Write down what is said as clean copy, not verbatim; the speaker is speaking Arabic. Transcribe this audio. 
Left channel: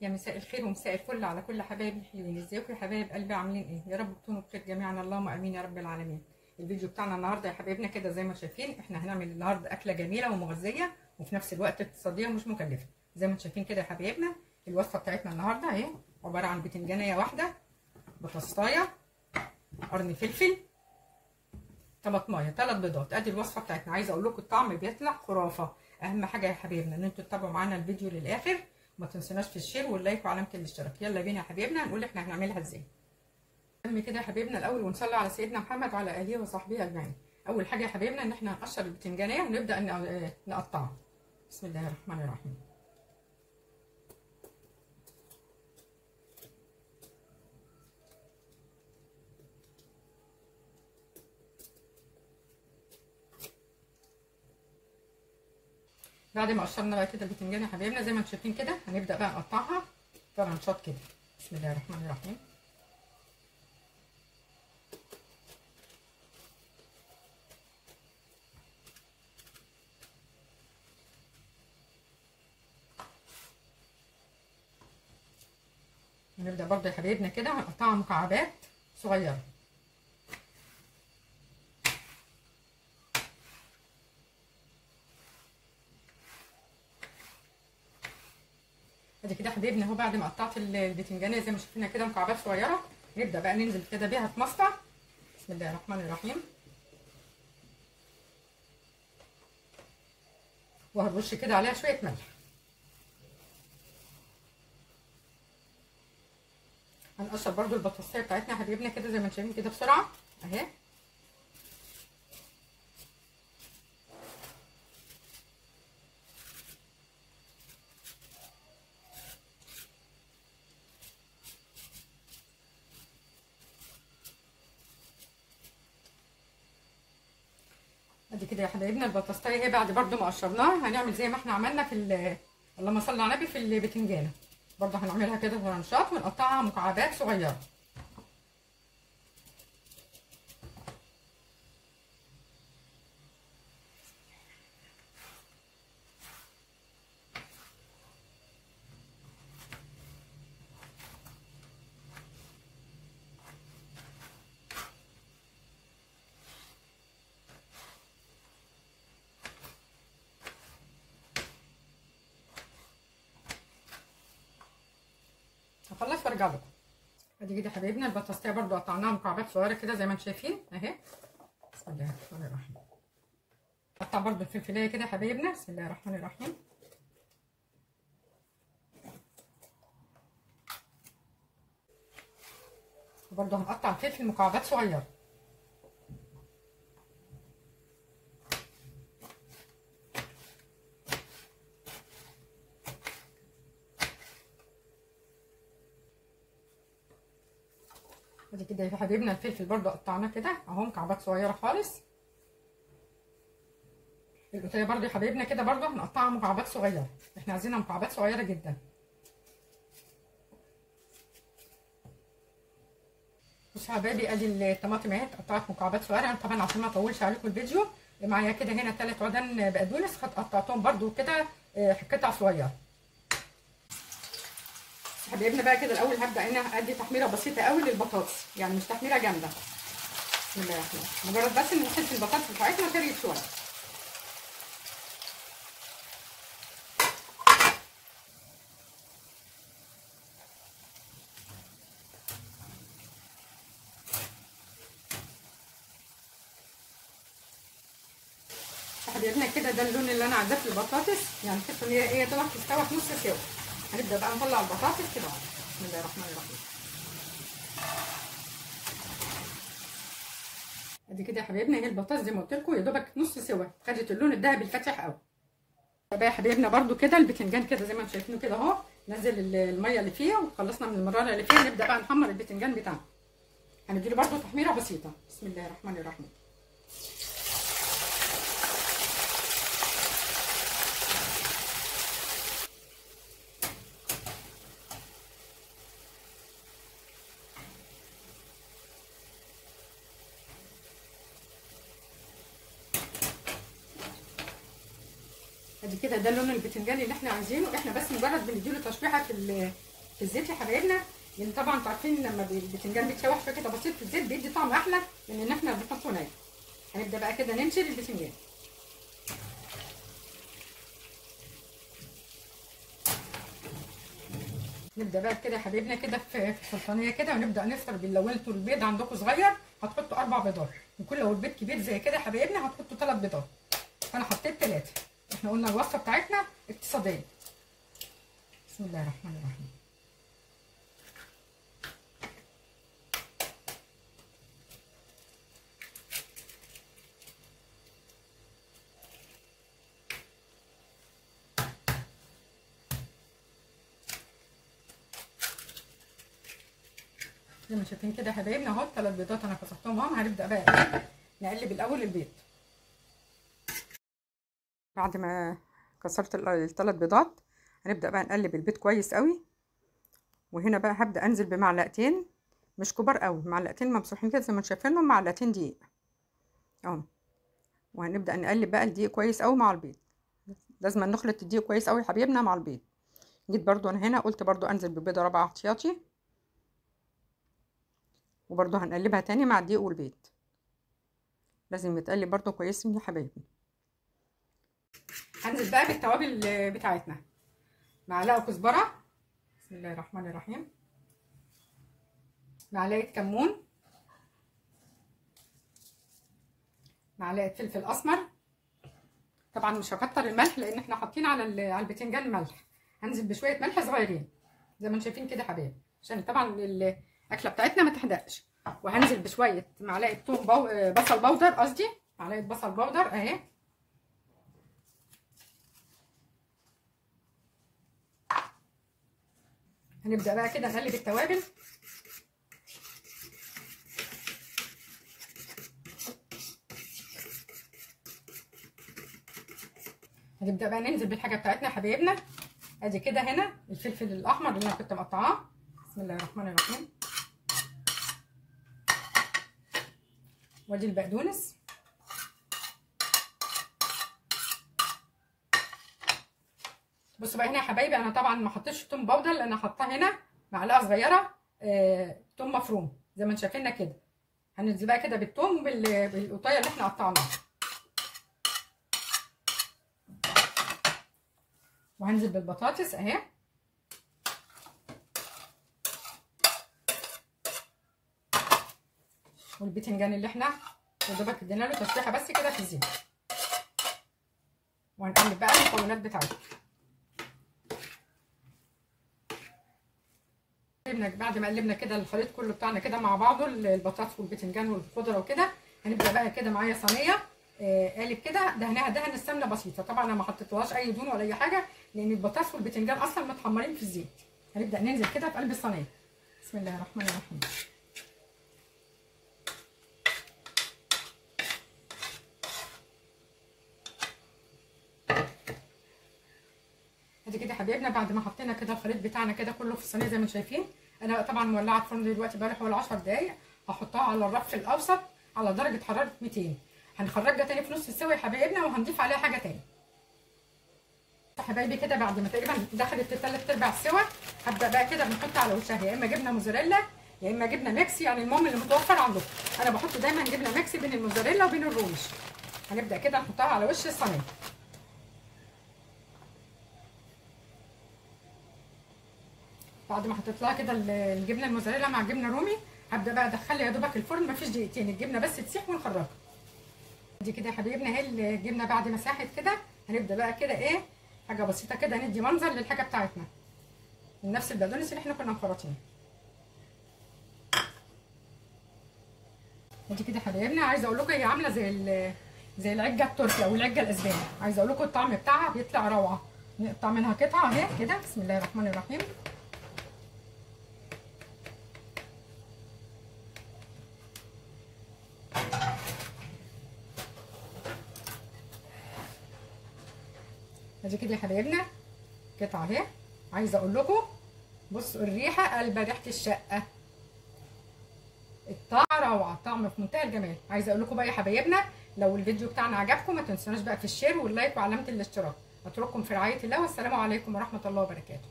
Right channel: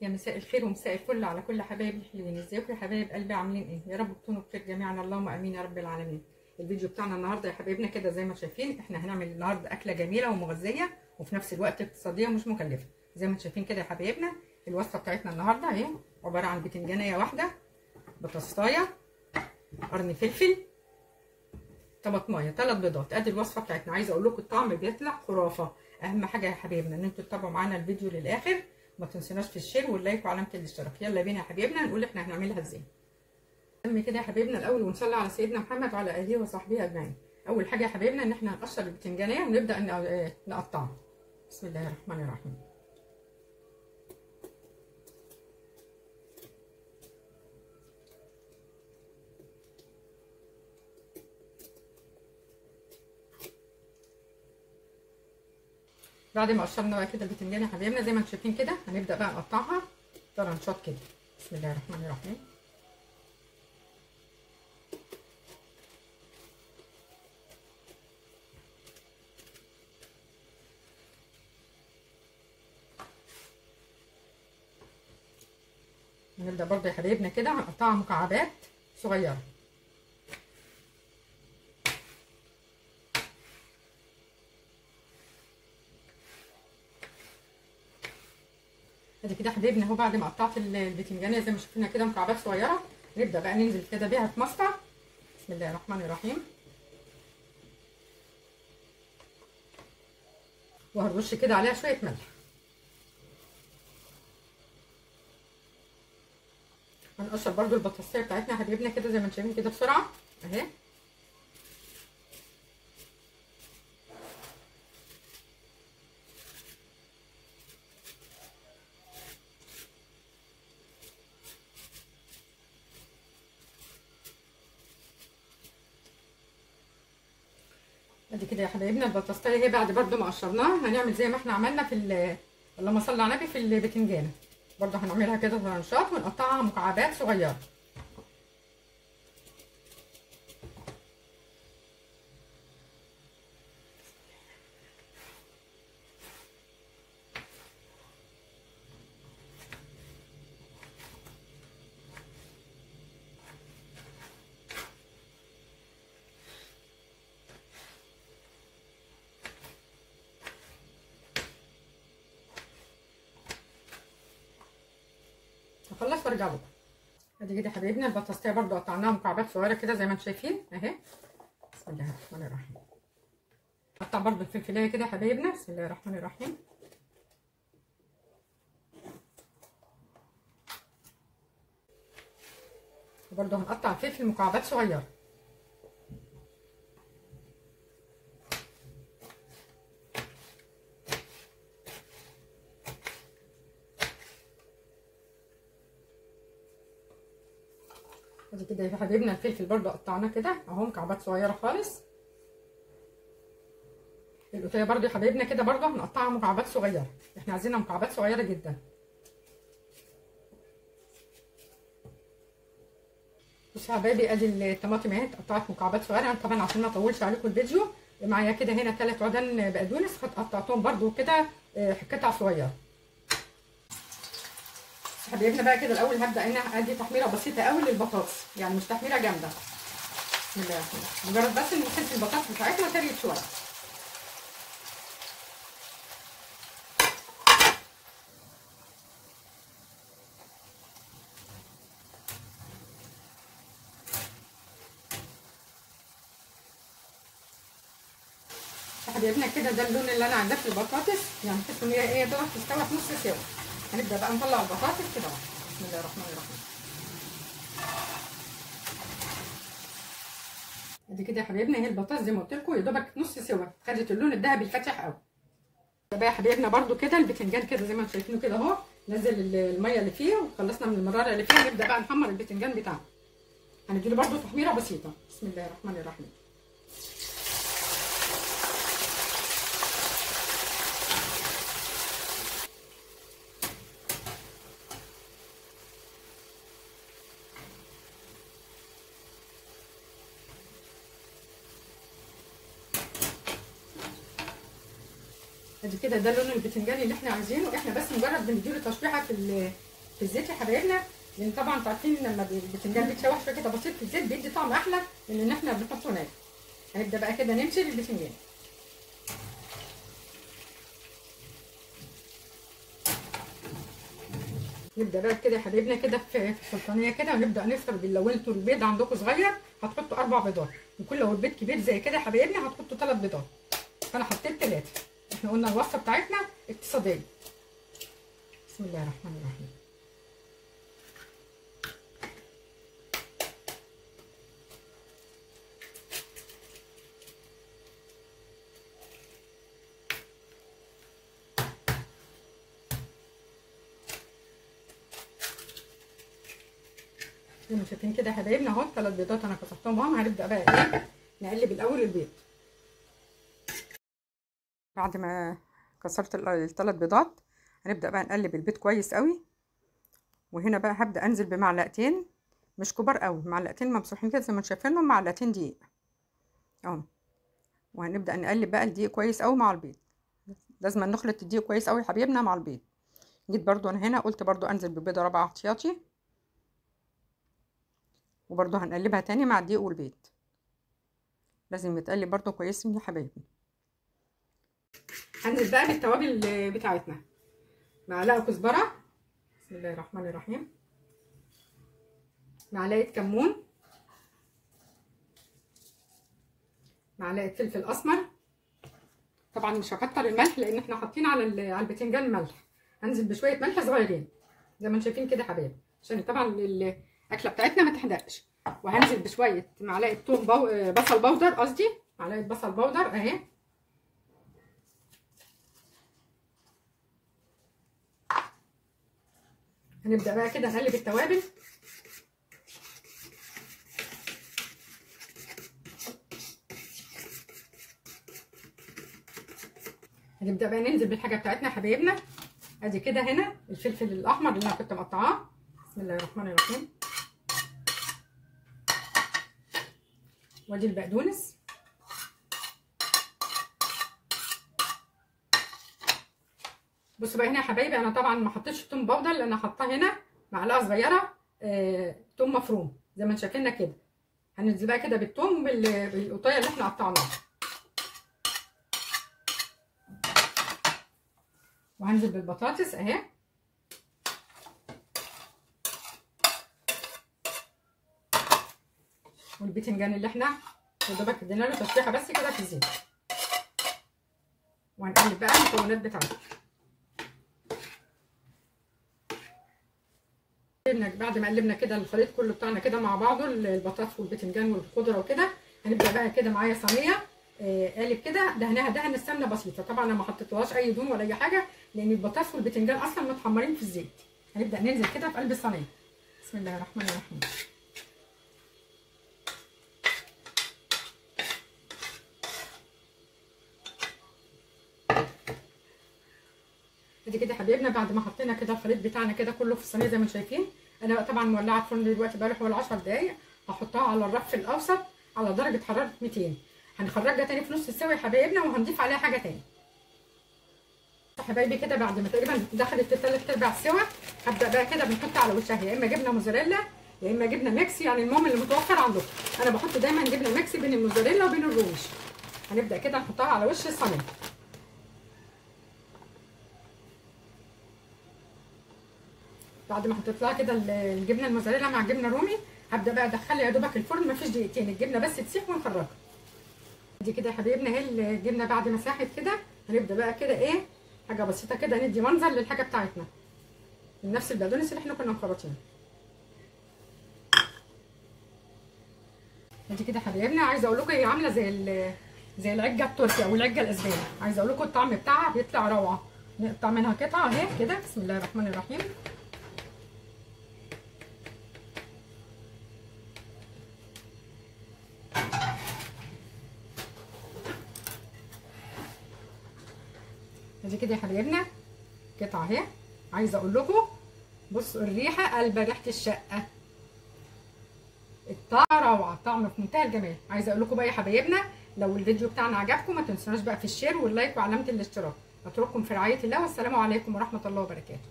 يا مساء الخير ومساء الفل على كل حبايبي الحلوين. ازيكم يا حبايب قلبي؟ عاملين ايه؟ يا رب تكونوا بخير جميعا، اللهم امين يا رب العالمين. الفيديو بتاعنا النهارده يا حبايبنا كده زي ما شايفين، احنا هنعمل النهارده اكله جميله ومغذيه وفي نفس الوقت اقتصاديه ومش مكلفه. زي ما انتم شايفين كده يا حبايبنا، الوصفه بتاعتنا النهارده اهي عباره عن بتنجانيه واحده، بطاطسايه، قرن فلفل، طماطمايه، 3 بيضات. ادي الوصفه بتاعتنا. عايزه اقول لكم الطعم بيطلع خرافه. اهم حاجه يا حبايبنا ان انتوا تتابعوا معانا الفيديو للاخر، ما تنسوناش في الشير واللايك وعلامه الاشتراك. يلا بينا يا حبايبنا نقول احنا هنعملها ازاي. نعمل كده يا حبايبنا الاول ونصلي على سيدنا محمد وعلى اله وصحبه اجمعين. اول حاجه يا حبايبنا ان احنا هنقشر البتنجانيه ونبدا نقطعها. بسم الله الرحمن الرحيم. بعد ما قشرنا بقى كده البتنجان يا حبايبنا زي ما انتم شايفين كده، هنبدا بقى نقطعها طرنشات كده. بسم الله الرحمن الرحيم. نبدا برضه يا حبايبنا كده هنقطعها مكعبات صغيره. ادي كده حبايبنا اهو بعد ما قطعت البتنجانيه زي ما شفنا كده مكعبات صغيره، نبدا بقى ننزل كده بيها في مصفى. بسم الله الرحمن الرحيم. وهنرش كده عليها شويه ملح. هنقشر برده البطاطسيه بتاعتنا يا حبايبنا كده زي ما انتم شايفين كده بسرعه اهي. ادي كده يا حبايبنا البطاطسيه اهي. بعد برده ما قشرناها هنعمل زي ما احنا عملنا في اللهم صل على النبي في البتنجانه، برده هنعملها كده طرنشات ونقطعها مكعبات صغيره. هخلص وارجع لكم. ادي كده يا حبايبنا البطاطسيه برده قطعناها مكعبات صغيره كده زي ما انتم شايفين اهي. بسم الله الرحمن الرحيم. قطع برده الفلفلايه كده يا حبايبنا. بسم الله الرحمن الرحيم. وبرده هنقطع الفلفل مكعبات صغيره. ادي كده يا حبايبنا الفلفل برده قطعناه كده اهو مكعبات صغيره خالص. القطيه برده يا حبايبنا كده برده هنقطعها مكعبات صغيره، احنا عايزينها مكعبات صغيره جدا. بصوا يا حبايبي ادي الطماطم اهي اتقطعت مكعبات صغيره. طبعا عشان ما اطولش عليكم الفيديو، معايا كده هنا 3 عودان بقدونس فقطعتهم برده كده قطع صغيره. حبايبنا بقى كده الاول هبدا هنا ادي تحميره بسيطه قوي للبطاطس، يعني مش تحميره جامده. بسم الله الرحمن الرحيم. مجرد بس ان نحط البطاطس بتاعتنا تغلي شويه. حبايبنا كده ده اللون اللي انا عايزاه في البطاطس، يعني تحسوا ان هي طبعا تستوي في نص سوا. هنبدا بقى نطلع البطاطس كده. بسم الله الرحمن الرحيم. ادي كده يا حبايبنا اهي البطاطس زي ما قلت لكم يا دوبك نص سوا، خدت اللون الذهبي الفاتح قوي. بقى يا حبايبنا برده كده البتنجان كده زي ما انتم شايفينه كده اهو، نزل الميه اللي فيها وخلصنا من المراره اللي فيها. نبدا بقى نحمر البتنجان بتاعنا، هنديله برده تحميره بسيطه. بسم الله الرحمن الرحيم. ادي كده ده لون البتنجان اللي احنا عايزينه، احنا بس مجرد بنديله تشويحه في الزيت يا حبايبنا، لان طبعا انتوا عارفين لما البتنجان بيتشوح شويه كده بسيط في الزيت بيدي طعم احلى من ان احنا بنحطه ناي. هنبدا بقى كده ننشل البتنجان. نبدا بقى كده يا حبايبنا كده في سلطانيه كده، ونبدا نفرد. لو انتوا البيض عندكم صغير هتحطوا 4 بيضات، وكل لو البيض كبير زي كده يا حبايبنا هتحطوا 3 بيضات. انا حطيت 3. احنا قلنا الوصفه بتاعتنا اقتصاديه. بسم الله الرحمن الرحيم. زي ما شايفين كده يا حبايبنا اهو 3 بيضات انا كسرتهم اهو. هنبدا بقى ايه نقلب الاول البيض. بعد ما كسرت ال3 بيضات هنبدا بقى نقلب البيض كويس قوي. وهنا بقى هبدا انزل بمعلقتين مش كبار قوي، معلقتين ممسوحين كده زي ما انتم شايفينهم، معلقتين دقيق اهو. وهنبدا نقلب بقى الدقيق كويس قوي مع البيض. لازم نخلط الدقيق كويس قوي يا حبايبنا مع البيض. جيت برضو انا هنا قلت برضو انزل ببيضه رابعه احتياطي، وبرضو هنقلبها تاني مع الدقيق والبيض. لازم يتقلب برضو كويس يا حبايبي. هنزل بقى بالتوابل بتاعتنا. معلقه كزبره، بسم الله الرحمن الرحيم. معلقه كمون، معلقه فلفل اسمر. طبعا مش هكتر الملح لان احنا حاطين على البتنجان الملح. هنزل بشويه ملح صغيرين زي ما انتم شايفين كده يا حبايبي، عشان طبعا الاكله بتاعتنا ما تحدقش. وهنزل بشويه معلقه بصل بودر، قصدي معلقه بصل بودر اهي. هنبدا بقى كده نقلب التوابل. هنبدا بقى ننزل بالحاجه بتاعتنا يا حبايبنا. ادي كده هنا الفلفل الاحمر اللي انا كنت مقطعاه، بسم الله الرحمن الرحيم. وادي البقدونس. بصوا بقى هنا يا حبايبي، انا طبعا ما حطيتش توم باودر لان انا حاطاه هنا معلقه صغيره توم مفروم زي ما انتم شايفيننا كده. هننزل بقى كده بالثوم بالقطايه اللي احنا قطعناها. وهنزل بالبطاطس اهي. والبتنجان اللي احنا يا دوبك ادينا له تشويحه بس كده في الزيت. وهنقلب بقى المكونات بتاعتنا. بعد ما قلبنا كده الخليط كله بتاعنا كده مع بعضه، البطاطس والبتنجان والخضره وكده، هنبدا بقى كده معايا صينيه قالب كده دهنها دهن السمنه بسيطه. طبعا انا ما حطيتلهاش اي دهون ولا اي حاجه لان البطاطس والبتنجان اصلا متحمرين في الزيت. هنبدا ننزل كده في قلب الصينيه. بسم الله الرحمن الرحيم. ادي كده يا حبايبنا بعد ما حطينا كده الخليط بتاعنا كده كله في الصينيه زي ما انتم شايفين. انا بقى طبعا مولعه الفرن دلوقتي بقى له حوالي 10 دقايق. هحطها على الرف الاوسط على درجه حراره 200. هنخرجها تاني في نص السوا يا حبايبنا وهنضيف عليها حاجه تاني. حبايبي كده بعد ما تقريبا دخلت في 3/4 سوا، هبدا بقى كده بنحط على وشها يا اما جبنه موزاريلا يا اما جبنه ميكس، يعني المهم اللي متوفر عندكم. انا بحط دايما جبنه ميكس بين الموزاريلا وبين الرومش. هنبدا كده نحطها على وش الصينيه. بعد ما حطيت لها كده الجبنه الموزاريلا مع الجبنه الرومي، هبدا بقى ادخلها يا دوبك الفرن مفيش دقيقتين، الجبنه بس تسيح ونخرجها. دي كده يا حبايبنا اهي الجبنه بعد ما ساحت كده. هنبدا بقى كده ايه حاجه بسيطه كده ندي منظر للحاجه بتاعتنا من نفس البقدونس اللي احنا كنا مخرطينه. دي كده يا حبايبنا عايزه اقول لكم هي عامله زي العجه التركي او العجه الاسباني. عايزه اقول لكم الطعم بتاعها بيطلع روعه. نقطع منها قطعه اهي كده. بسم الله الرحمن الرحيم. ادي كده يا حبايبنا قطعه اهي. عايزه اقول لكم بصوا الريحه قلبه ريحه الشقه. الطعم روعه، طعم في منتهى الجمال. عايزه اقول لكم بقى يا حبايبنا لو الفيديو بتاعنا عجبكم ما تنسوناش بقى في الشير واللايك وعلامه الاشتراك. اترككم في رعايه الله والسلام عليكم ورحمه الله وبركاته.